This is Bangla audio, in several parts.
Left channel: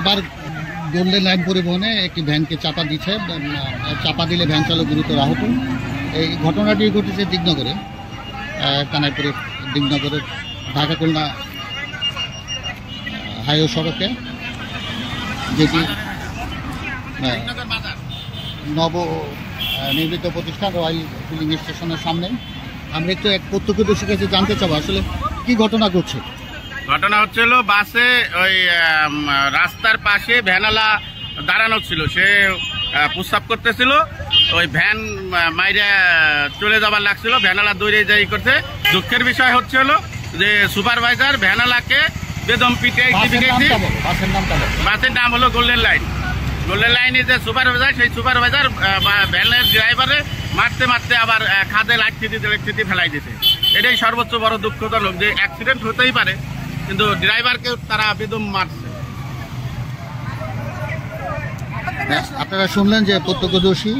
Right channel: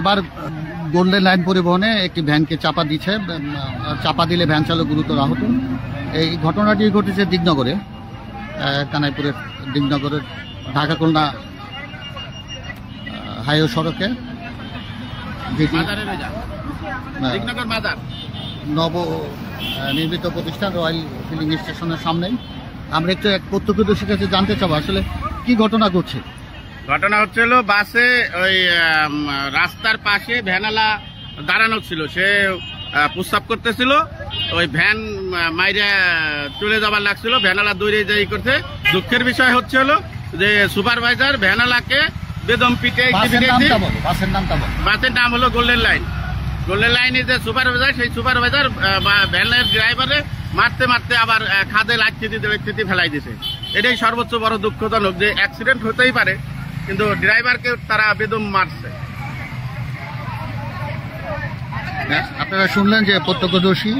এবার গোল্ডেন লাইন পরিবহনে একটি ভ্যানকে চাপা দিলে ভ্যান চালক গুরুতর আহত। এই ঘটনাটি ঘটেছে দিগনগরে, কানাইপুরের দিগনগরের ঢাকা খুলনা হাইওয়ে সড়কে, যেটি নব নির্মিত প্রতিষ্ঠান রয়্যাল ফিলিং স্টেশনের সামনেই। আমরা একটু এক প্রত্যক্ষদর্শীর কাছে জানতে চাবো আসলে কি ঘটনা ঘটছে। ঘটনা হচ্ছিল, বাসে ওই রাস্তার পাশে ভ্যানালা দাঁড়ানো ছিল, সে প্রস্রাব করতেছিল, ওই ভ্যান মাইরে চলে যাবার লাগছিল, ভ্যানালা দৌড়ে যাই করছে। দুঃখের বিষয় হচ্ছে হলো যে সুপারভাইজার ভ্যানালাকে বেদম পিটে, বাসের নাম হলো গোল্ডেন লাইন। গোল্ডেন লাইনে যে সুপারভাইজার, সেই সুপারভাইজার ভ্যানের ড্রাইভারে মারতে মারতে আবার খাদে লাইট ফেলাই দিয়েছে। এটাই সর্বোচ্চ বড় দুঃখজনক যে অ্যাক্সিডেন্ট হতেই পারে, কিন্তু ড্রাইভারকে তারা বেদম মারছে। আপনারা শুনলেন যে প্রত্যক্ষদর্শী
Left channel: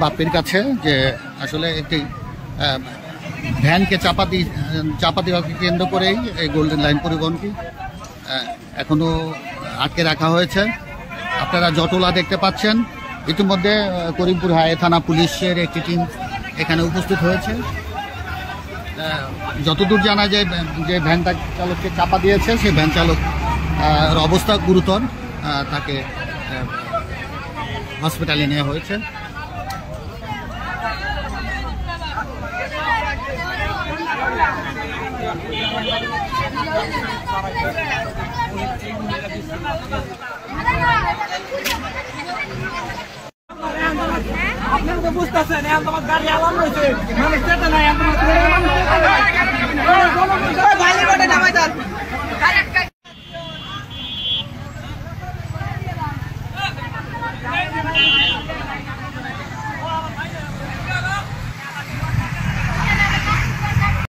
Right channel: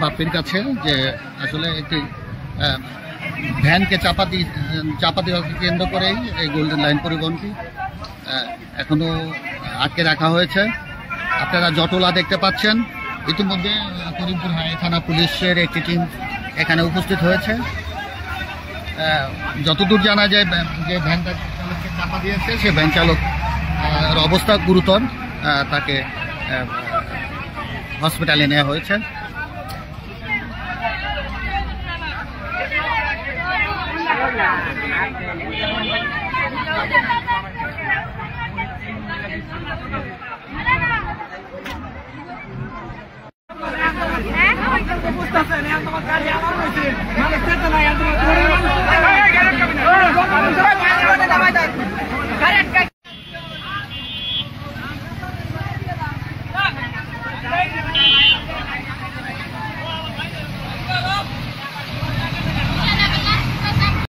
বাপ্পির কাছে যে আসলে একটি ভ্যানকে চাপা দেওয়াকে কেন্দ্র করেই এই গোল্ডেন লাইন পরিবহনটি এখনো আটকে রাখা হয়েছে। আপনারা জটলা দেখতে পাচ্ছেন। ইতিমধ্যে করিমপুর হাই থানা পুলিশের একটি টিম এখানে উপস্থিত হয়েছে। যতদূর জানা যায় যে ভ্যান চালককে চাপা দিয়েছে, সে ভ্যান চালক অবস্থা গুরুতর, তাকে হসপিটালে নেওয়া হয়েছে। বুঝতেছেন তোমার গাড়ি আলাম হয়েছে, মানে চেতনা নাই।